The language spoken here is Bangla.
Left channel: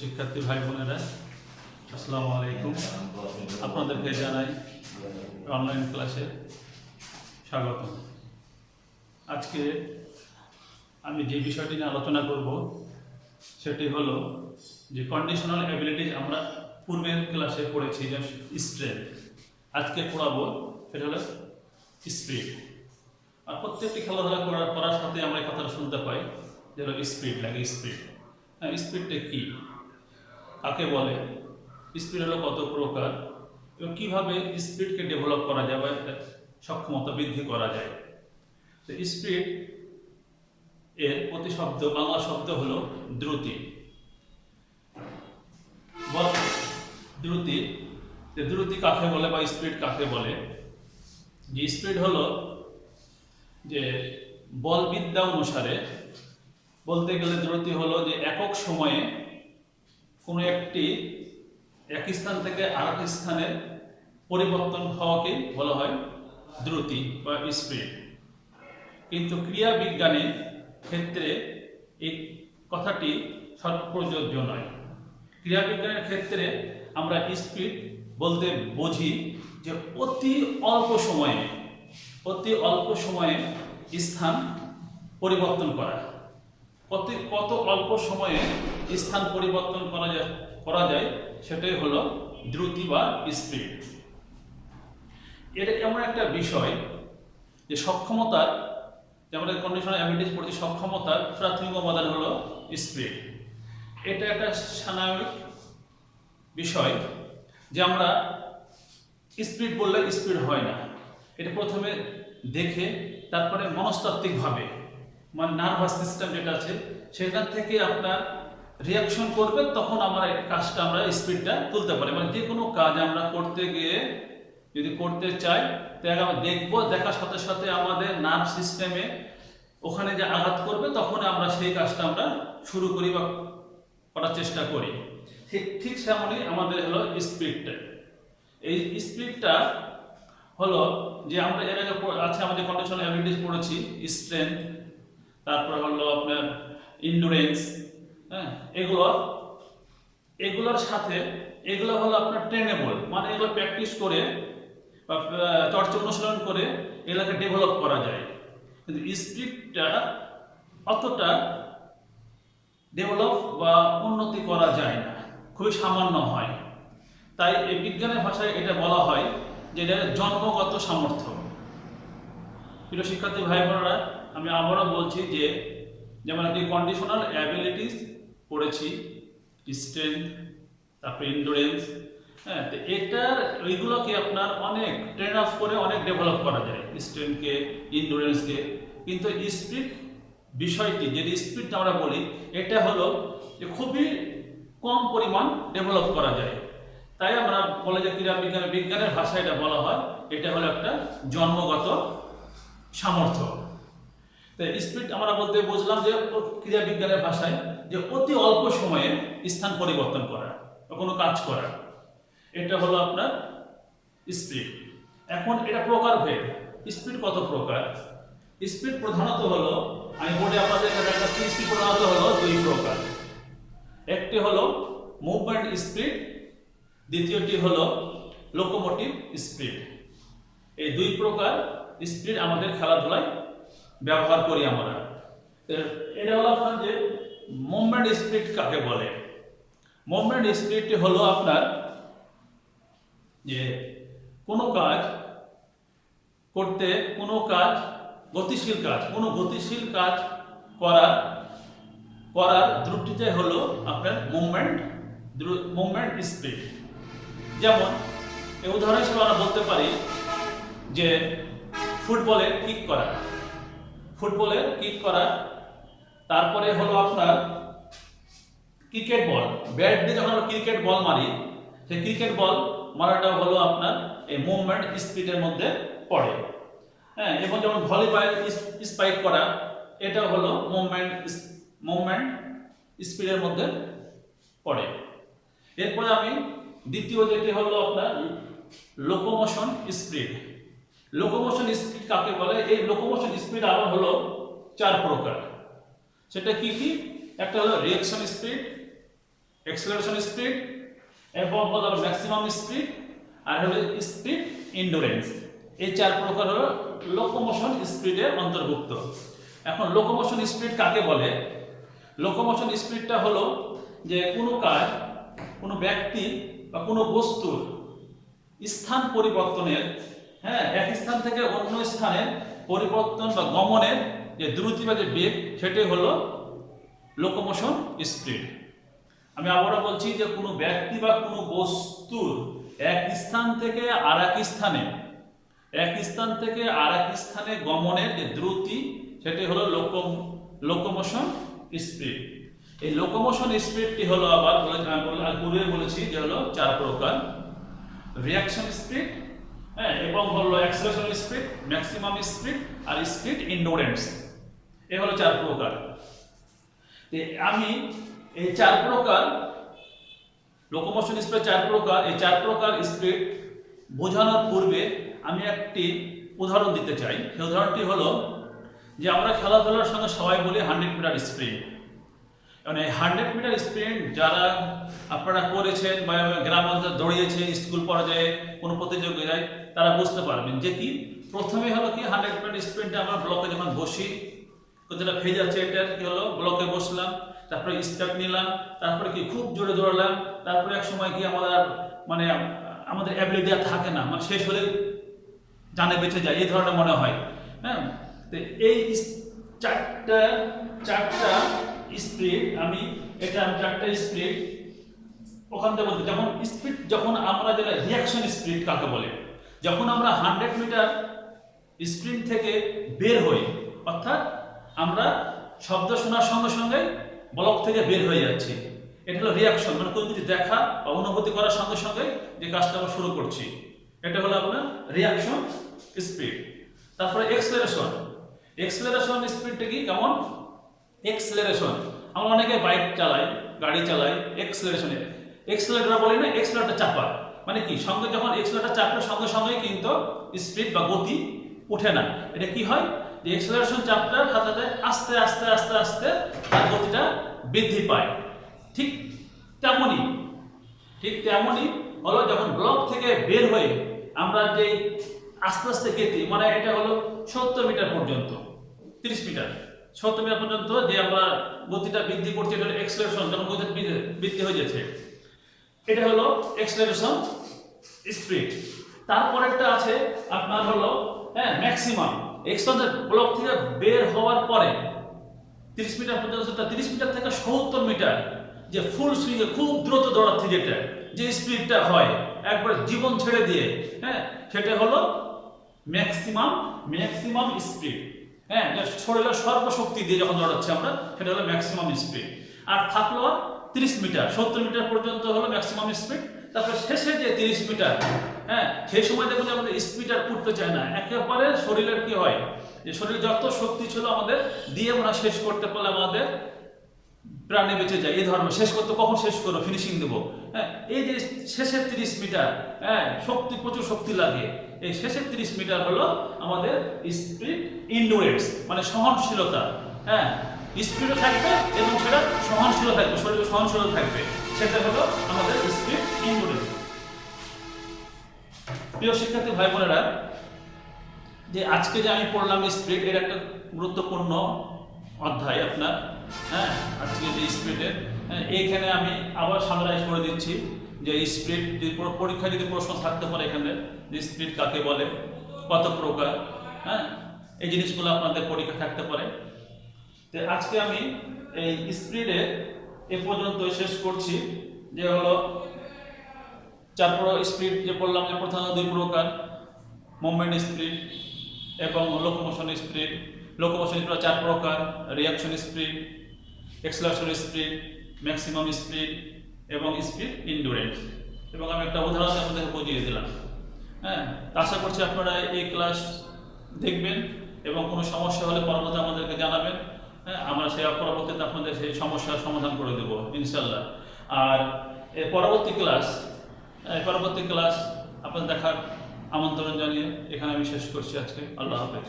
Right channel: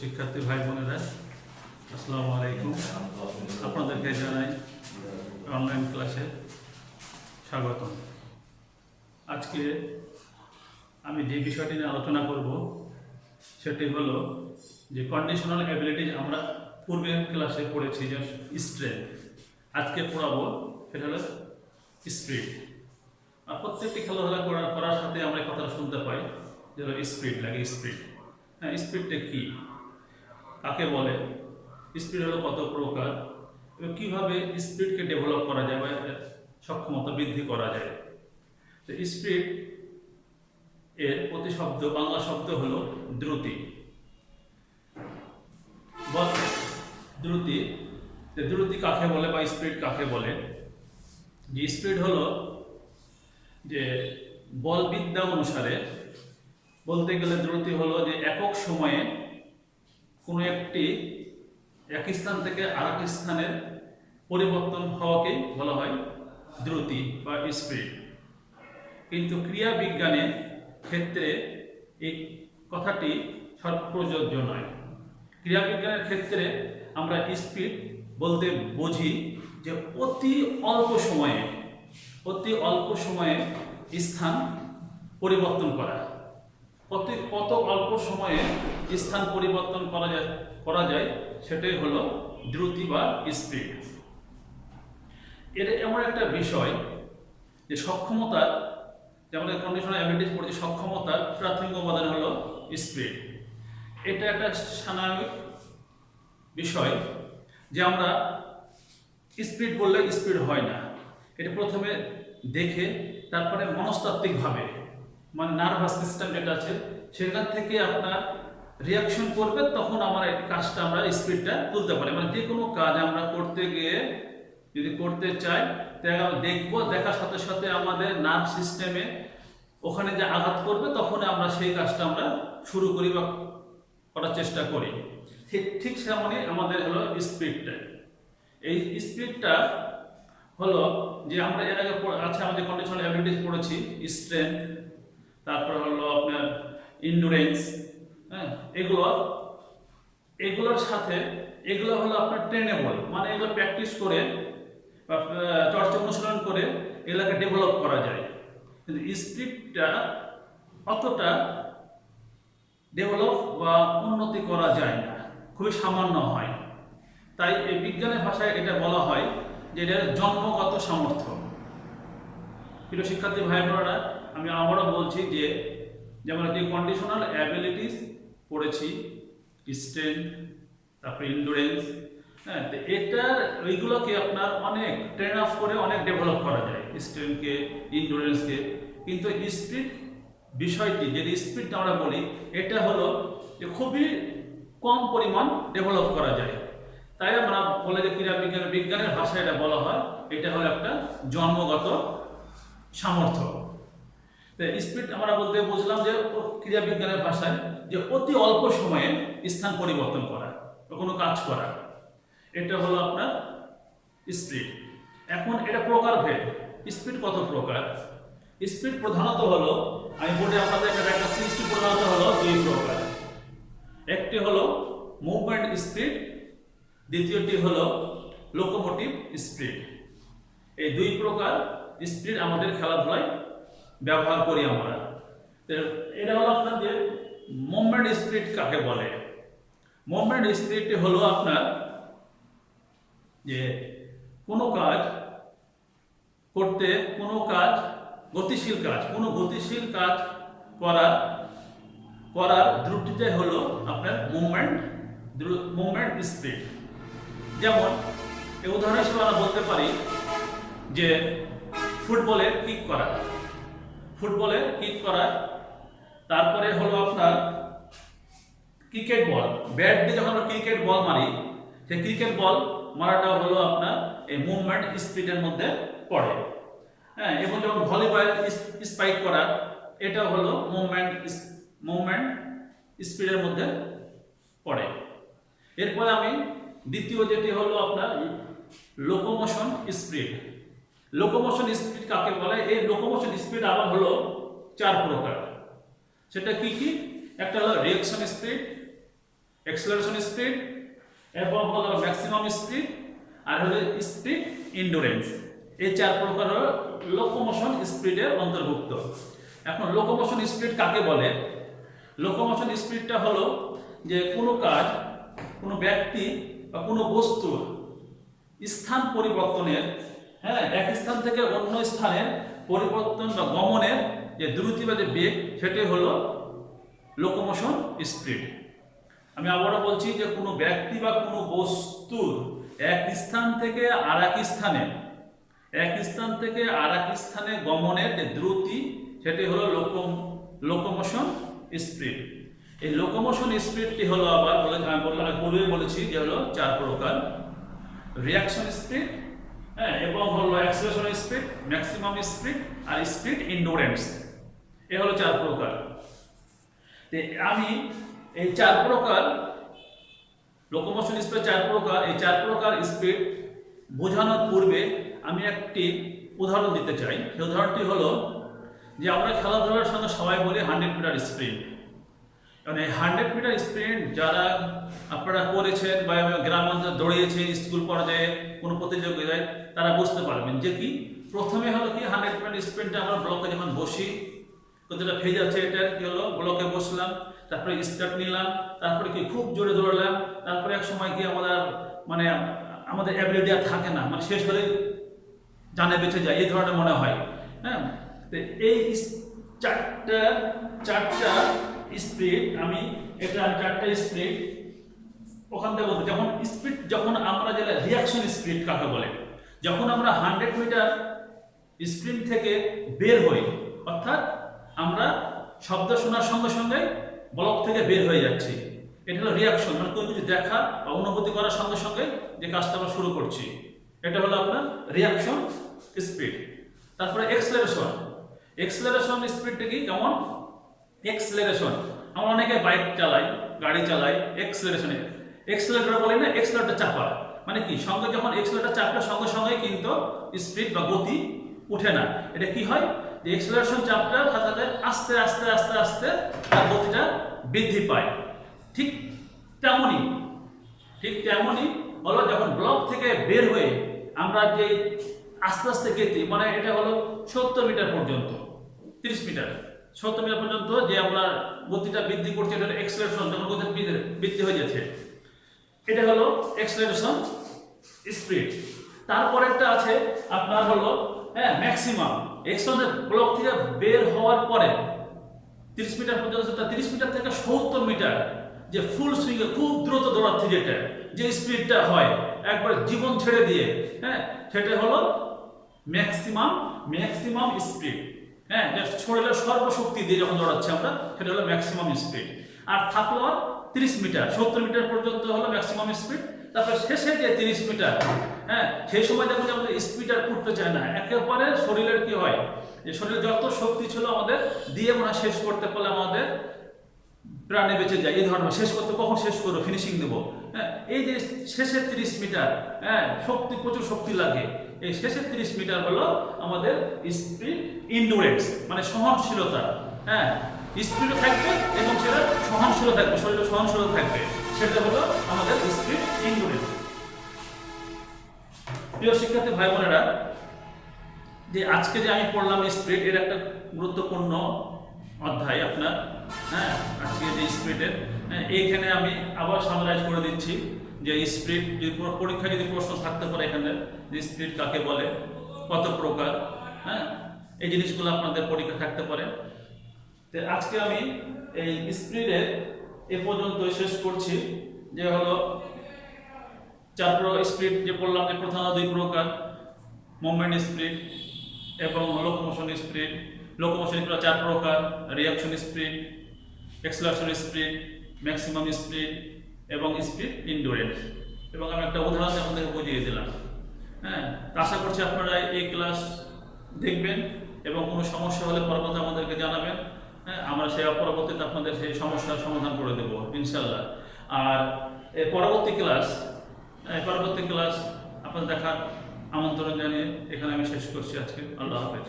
শিক্ষার্থী ভাই বোনেরা, আসসালামু আলাইকুম। আপনাদেরকে জানাই অনলাইন ক্লাসে স্বাগত। আজকে আমি যে বিষয়টি নিয়ে আলোচনা করব সেটি হলো যে কন্ডিশনাল অ্যাবিলিটিজ। আমরা পূর্বের ক্লাসে পড়েছি যে স্ট্রেংথ, আজকে পড়াবো সেটা হলো স্পিড। আর প্রত্যেকটি খেলাধুলা করার সাথে আমরা এই কথাটা শুনতে পাই যে হলো স্পিড লাগে। স্পিড, হ্যাঁ, স্পিডটা কী, কাকে বলে, স্পিড হলো কত প্রকার এবং কীভাবে স্পিডকে ডেভেলপ করা যায় বা সক্ষমতা বৃদ্ধি করা যায়। তো স্পিড এর প্রতিশব্দ বাংলা শব্দ হলো দ্রুতি। দ্রুতি, যে দ্রুতি কাকে বলে বা স্পিড কাকে বলে। যে স্পিড হলো যে বলবিদ্যা অনুসারে বলতে গেলে দ্রুতি হলো যে একক সময়ে কোনো একটি এক স্থান থেকে আরেক স্থানের পরিবর্তন হওয়াকেই বলা হয় দ্রুতি বা স্পিড। কিন্তু ক্রিয়া বিজ্ঞানের ক্ষেত্রে এই কথাটি সর্বপ্রযোজ্য নয়। ক্রিয়া বিজ্ঞানের ক্ষেত্রে আমরা স্পিড বলতে বুঝি যে অতি অল্প সময়ে স্থান পরিবর্তন করা। কত অল্প সময়ে স্থান পরিবর্তন করা যায় সেটাই হলো দ্রুতি বা স্পিড। এটা এমন একটা বিষয় যে সক্ষমতার, যে আমরা কন্ডিশনাল অ্যাবিলিটিজ পড়ছি, সক্ষমতার প্রাথমিক উপাদান হলো স্পিড। এটা একটা সাময়িক বিষয় যে আমরা স্পিড বললে স্পিড হয় না। এটা প্রথমে দেখে তারপরে মনস্তাত্ত্বিকভাবে, মানে নার্ভাস সিস্টেম যেটা আছে সেখান থেকে আপনার রিয়াকশন করবে, তখন আমরা কাজটা আমরা স্পিডটা তুলতে পারি। মানে যে কোনো কাজ আমরা করতে গিয়ে যদি করতে চাই তাহলে আমরা দেখবো, দেখার সাথে সাথে আমাদের নার্ভ সিস্টেমে ওখানে যে আঘাত করবে তখন আমরা সেই কাজটা আমরা শুরু করি বা করার চেষ্টা করি। ঠিক সেমনই আমাদের হলো স্পিডটা। এই স্পিডটা হলো যে আমরা এর আগে আছে আমাদের কন্ডিশনাল অ্যাবিলিটিজ পড়েছি, স্ট্রেংথ, তারপর হলো আপনার ইন্ডুরেন্স, হ্যাঁ, এগুলোর সাথে এগুলো হলো আপনার ট্রেনেবল, মানে এগুলো প্র্যাকটিস করে বা চর্চা অনুশীলন করে এগুলোকে ডেভেলপ করা যায়। কিন্তু স্পিডটা অতটা ডেভেলপ বা উন্নতি করা যায় না, খুবই সামান্য হয়। তাই এই বিজ্ঞানের ভাষায় এটা বলা হয় যে এটা জন্মগত সামর্থ্য। প্রিয় শিক্ষার্থী ভাই বোনেরা, আমি আবারও বলছি যে যেমন একটি কন্ডিশনাল অ্যাবিলিটিস পড়েছি, স্ট্রেংথ, তারপরে ইন্ডুরেন্স, হ্যাঁ, তো এটার ওইগুলোকে আপনার অনেক ট্রেন আপ করে অনেক ডেভেলপ করা যায়, স্ট্রেংথকে, ইন্ডুরেন্সকে। কিন্তু স্পিড বিষয়টি, যে স্পিড আমরা বলি, এটা হলো যে খুবই কম পরিমাণ ডেভেলপ করা যায়। তাই আমরা বলে যে ক্রীড়া বিজ্ঞানের ভাষায় এটা বলা হয় এটা হলো একটা জন্মগত সামর্থ্য। স্পিড আমরা বলতে বুঝলাম যে ক্রীড়া বিজ্ঞানের ভাষায় যে অতি অল্প সময়ে স্থান পরিবর্তন করা বা কোনো কাজ করা, এটা হলো আপনার স্পিড। এখন এটা প্রকারভেদ, স্পিড কত প্রকার। স্পিড প্রধানত হলো, আমি বলি আপনাদেরকে দেখাচ্ছি, স্পিড প্রধানত হলো দুই প্রকার। একটি হলো মুভমেন্ট স্পিড, দ্বিতীয়টি হলো লোকোমোটিভ স্পিড। এই দুই প্রকার স্পিড আমাদের খেলাধুলায় ব্যবহার করি আমরা। এটা হলো আপনার যে মুভমেন্ট স্পিড কাকে বলে। মুভমেন্ট স্পিড হলো আপনার যে কোনো কাজ করতে, কোনো গতিশীল কাজ করার দ্রুতিটাই হলো আপনার মুভমেন্ট স্পিড। যেমন এই উদাহরণ হিসেবে আমরা বলতে পারি যে ফুটবলের কিক করা, তারপরে হলো আপনার ক্রিকেট বল, ব্যাট দিয়ে যখন আমরা ক্রিকেট বল মারি, সেই ক্রিকেট বল মারাটা হলো আপনার এই মুভমেন্ট স্পিডের মধ্যে পড়ে, হ্যাঁ। এবং যেমন ভলিবল স্পাইক করা, এটা হলো মুভমেন্ট স্পিডের মধ্যে পড়ে। এরপরে আমি দ্বিতীয় যেটি হলো আপনার লোকোমোশন স্পিড। লোকোমোশন স্পিড কাকে বলে? এই লোকোমোশন স্পিড আবার হলো চার প্রকার। সেটা কি? একটা হলো রিঅ্যাকশন স্পিড, এক্সেলারেশন স্পিড এবং হলো ম্যাক্সিমাম স্পিড আর হলো স্পিড ইন্ডুরেন্স। এই 4 প্রকার হলো লোকোমোশন স্পিডের অন্তর্ভুক্ত। এখন লোকোমোশন স্পিড কাকে বলে? লোকোমোশন স্পিডটা হলো যে কোনো কাজ, কোনো ব্যক্তি বা কোনো বস্তুর স্থান পরিবর্তনের, এক স্থান থেকে অন্য স্থানের পরিবর্তন বা গমনের যে দ্রুতি বা যে বেগ, সেটাই হলো লোকোমোশন স্পিড। আমি আবারও বলছি যে কোনো ব্যক্তি বা কোনো বস্তুর এক স্থান থেকে আর এক স্থানে গমনের যে দ্রুতি, সেটাই হলো লোকোমোশন স্পিড। এই লোকোমোশন স্পিডটি হলো আবার পূর্বে বলেছি যে হলো 4 প্রকার: রিয়াকশন স্পিড, এবং হলো অ্যাক্সেলারেশন স্পিড, ম্যাক্সিমাম স্পিড আর স্পিড ইন্ডুরেন্স। এ হলো 4 প্রকার। আমি এই 4 প্রকার লোকোমোশন স্পিড 4 প্রকার, এই 4 প্রকার স্পিড বোঝানোর পূর্বে আমি একটি উদাহরণ দিতে চাই। সেই উদাহরণটি হলো যে আমরা খেলাধুলার সঙ্গে সবাই বলি 100 মিটার স্প্রিন্ট। মানে 100 মিটার স্প্রিন্ট যারা আপনারা করেছেন বা গ্রাম অঞ্চলে দৌড়িয়েছেন স্কুল পর্যায়ে কোনো প্রতিযোগিতায়, তারা বুঝতে পারবেন যে কি প্রথমে হলো কি 100 মিটার স্প্রিন্টে আমরা ব্লকে যখন বসি, যেটা ফেজ আছে এটার কি হলো ব্লকে বসলাম, তারপরে স্টার্ট নিলাম, তারপরে কি খুব জোরে দৌড়ালাম, তারপরে এক সময় কি আমাদের অ্যাবিলিটি আর থাকে না, মানে শেষ হলে জানে বেঁচে যায়, এই ধরনের মনে হয়। তো এই চারটা স্পিড আমি 4টা স্পিড ওখান থেকে বলতে, যখন আমরা যেটা রিয়াকশন স্পিড কাকে বলে, যখন আমরা 100 মিটার স্প্রিন্ট থেকে বের হই, অর্থাৎ আমরা শব্দ শোনার সঙ্গে সঙ্গে ব্লক থেকে বের হয়ে যাচ্ছি, এটা হলো রিয়াকশন, মানে কোনো কিছু দেখা বা অনুভূতি করার সঙ্গে সঙ্গে যে কাজটা আমরা শুরু করছি, এটা হলো আপনার রিয়াকশন স্পিড। তারপরে এক্সেলারেশন স্পিডটা কি কেমন? এক্সেলারেশন, আমরা অনেকে বাইক চালাই, গাড়ি চালাই, এক্সেলারেটর বলি না, এক্সেলারেটর চাপা, মানে কি সঙ্গে যখন এক্সেলারেটর চাপলে সঙ্গে সঙ্গেই কিন্তু স্পিড বা গতি উঠে না। এটা কি হয় যে এক্সেলারেশন চাপটার সাথে সাথে আস্তে আস্তে আস্তে আস্তে তার গতিটা বৃদ্ধি পায়। ঠিক তেমনই হলো যখন ব্লক থেকে বের হয়ে আমরা যে আস্তে আস্তে গতি, মানে এটা হলো 70 মিটার পর্যন্ত, 30 মিটার 70 মিটার পর্যন্ত যে আমরা গতিটা বৃদ্ধি করছি, এটা হলো এক্সেলারেশন, যখন গতি বৃদ্ধি হয়ে যাচ্ছে, এটা হলো এক্সেলারেশন স্পিড। তারপরেরটা আছে আপনার হলো ম্যাক্সিমাম, এক্সেলারেশন ব্লক থেকে বের হওয়ার পরে 30 মিটার পর্যন্ত, 30 মিটার থেকে 70 মিটার যে ফুল সুইংয়ে খুব দ্রুত দৌড়াচ্ছে, যে স্পিডটা হয় একবারে জীবন ছেড়ে দিয়ে, সেটা হলো ম্যাক্সিমাম স্পিড। শরীরের সর্বশক্তি দিয়ে যখন দৌড়াচ্ছি আমরা, সেটা হলো ম্যাক্সিমাম স্পিড। আর থাকলো 30 মিটার, 70 মিটার পর্যন্ত হলো ম্যাক্সিমাম স্পিড। তারপরে শেষে যে 30 মিটার, সেই সময় দেখুন যে আমাদের স্পিড আর উঠতে চায় না, একেবারে শরীরের কি হয় যে শরীরে যত শক্তি ছিল আমাদের দিয়ে মনে হয় শেষ করতে পারলে আমাদের প্রাণে বেঁচে যায়, এই ধরনের কখন শেষ করবো, ফিনিশিং দেবো। এই যে শেষের 30 মিটার, প্রচুর শক্তি লাগে, এই শেষের 30 মিটার হলো আমাদের স্পিড ইন্ডুরেন্স, মানে সহনশীলতা। স্পিডও থাকবে এবং সেটা সহনশীল থাকবে, শরীরে সহনশীলতা থাকবে, সেটা হলো আমাদের স্পিড ইন্ডুরেন্স। প্রিয় শিক্ষার্থী ভাই বোনেরা, যে আজকে যে আমি পড়লাম স্পিড, এর একটা গুরুত্বপূর্ণ অধ্যায় আপনার, আজকে যে স্পিডের, এইখানে আমি আবার সামরাইজ করে দিচ্ছি যে স্পিড যদি পরীক্ষা যদি প্রশ্ন থাকতে পারে এখানে, যে স্পিড কাকে বলে, কত প্রকার, এই জিনিসগুলো আপনাদের পরীক্ষা থাকতে পারে। তো আজকে আমি এই স্পিডের এ পর্যন্ত শেষ করছি, যে হলো 4 স্পিড যে বললাম, যে প্রধান 2 প্রকার, মুভমেন্ট স্পিড এবং লোকোমোশন স্পিড। লোকোমোশন স্পিড 4 প্রকার: reaction speed, acceleration speed, maximum speed এবং স্পিড ইন্ডুরেন্স। এবং আমি একটা উদাহরণ আপনাদের বুঝিয়ে দিলাম। আশা করছি আপনারা এই ক্লাস দেখবেন এবং কোনো সমস্যা হলে পরবর্তী আমাদেরকে জানাবেন। আমরা সেই পরবর্তীতে আপনাদের সেই সমস্যার সমাধান করে দেবো ইনশাল্লাহ। আর পরবর্তী ক্লাস আপনাদের দেখার আমন্ত্রণ জানিয়ে এখানে আমি শেষ করছি আজকে। আল্লাহ হাফেজ।